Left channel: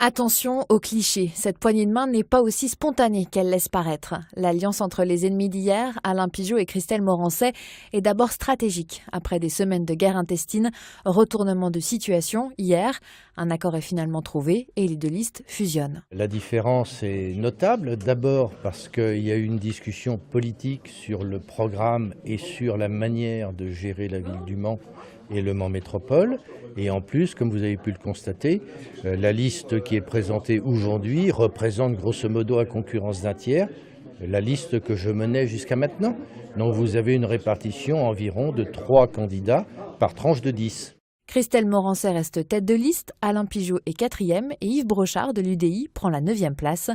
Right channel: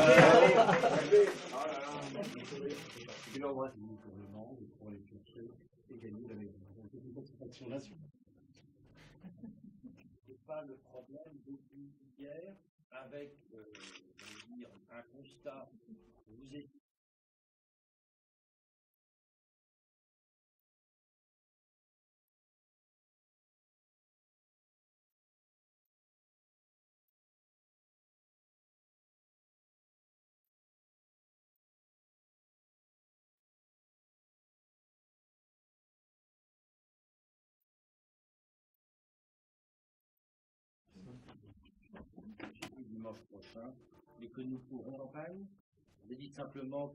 Attention aux clichés, cette poignée de main n'est pas aussi spontanée qu'elle laisse paraître. L'alliance entre les ennemis d'hier, Alain Pigeot et Christelle Morançais, est d'abord stratégique. Après des semaines de guerre intestine, retournement de situation hier, un accord est finalement trouvé et les deux listes fusionnent. La différence est notable, d'abord parce qu'il y a eu une discussion politique sur le programme et sur la manière de gérer la ville du Mans et le Mans Métropole. Et en plus, comme vous avez pu le constater, la liste qui est présentée aujourd'hui représente grosso modo à concurrence d'un tiers la liste que je menais jusqu'à maintenant. Donc vous avez une répartition environ de 3 candidats par tranche de 10. Christelle Morançais reste tête de liste, Alain Pigeot est 4e et Yves Brochard de l'UDI prend la 9e place.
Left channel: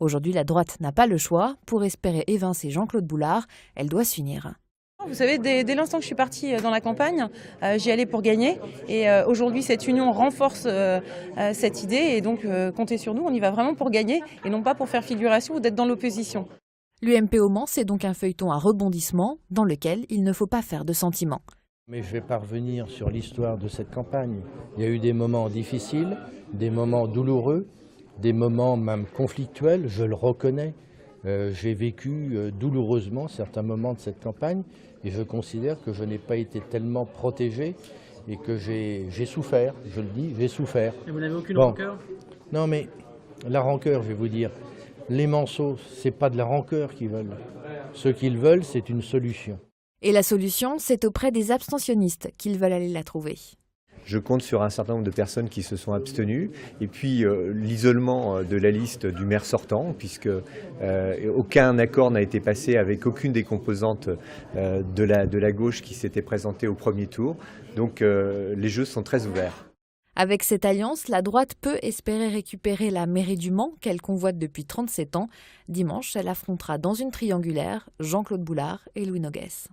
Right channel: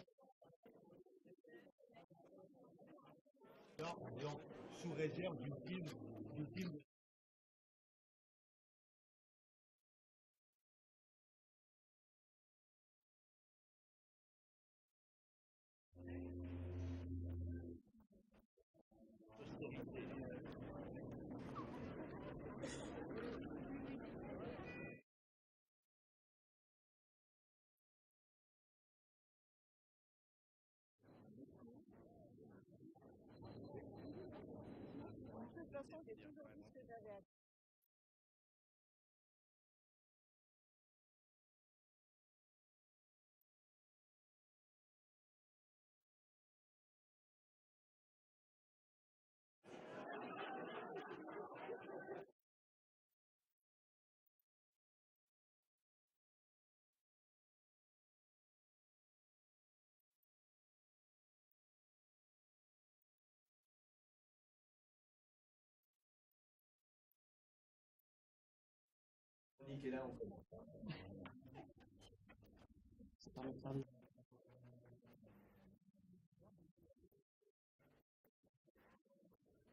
Aujourd'hui, la droite n'a pas le choix. Pour espérer évincer Jean-Claude Boulard, elle doit s'unir. Vous savez, dès l'instant que je suis partie dans la campagne, j'y allais pour gagner. Et aujourd'hui, cette union renforce cette idée. Et donc, comptez sur nous, on y va vraiment pour gagner et non pas pour faire figuration ou d'être dans l'opposition. L'UMP au Mans, c'est donc un feuilleton à rebondissement dans lequel il ne faut pas faire de sentiments. Mais je vais pas revenir sur l'histoire de cette campagne. Il y a eu des moments difficiles, des moments douloureux, des moments même conflictuels, je le reconnais. J'ai vécu douloureusement certains moments de cette campagne et je considère que je n'ai pas été tellement protégé et que j'ai souffert, je le dis, j'ai souffert. Et vous n'avez aucune rancœur ? Non mais la rancœur, je vais vous dire, les Manceaux, c'est pas de la rancœur qu'ils veulent. Ce qu'ils veulent, c'est une solution. Et la solution, c'est auprès des abstentionnistes qu'ils veulent aller la trouver. Je compte sur un certain nombre de personnes qui se sont abstenues et puis l'isolement de la liste du maire sortant puisque aucun accord n'a été passé avec aucune des composantes de la gauche qui s'était présentée au premier tour. Donc les jeux sont très ouverts. Avec cette alliance, la droite peut espérer récupérer la mairie du Mans qu'elle convoite depuis 37 ans. Dimanche, elle affrontera dans une triangulaire Jean-Claude Boulard et Louis Noguès.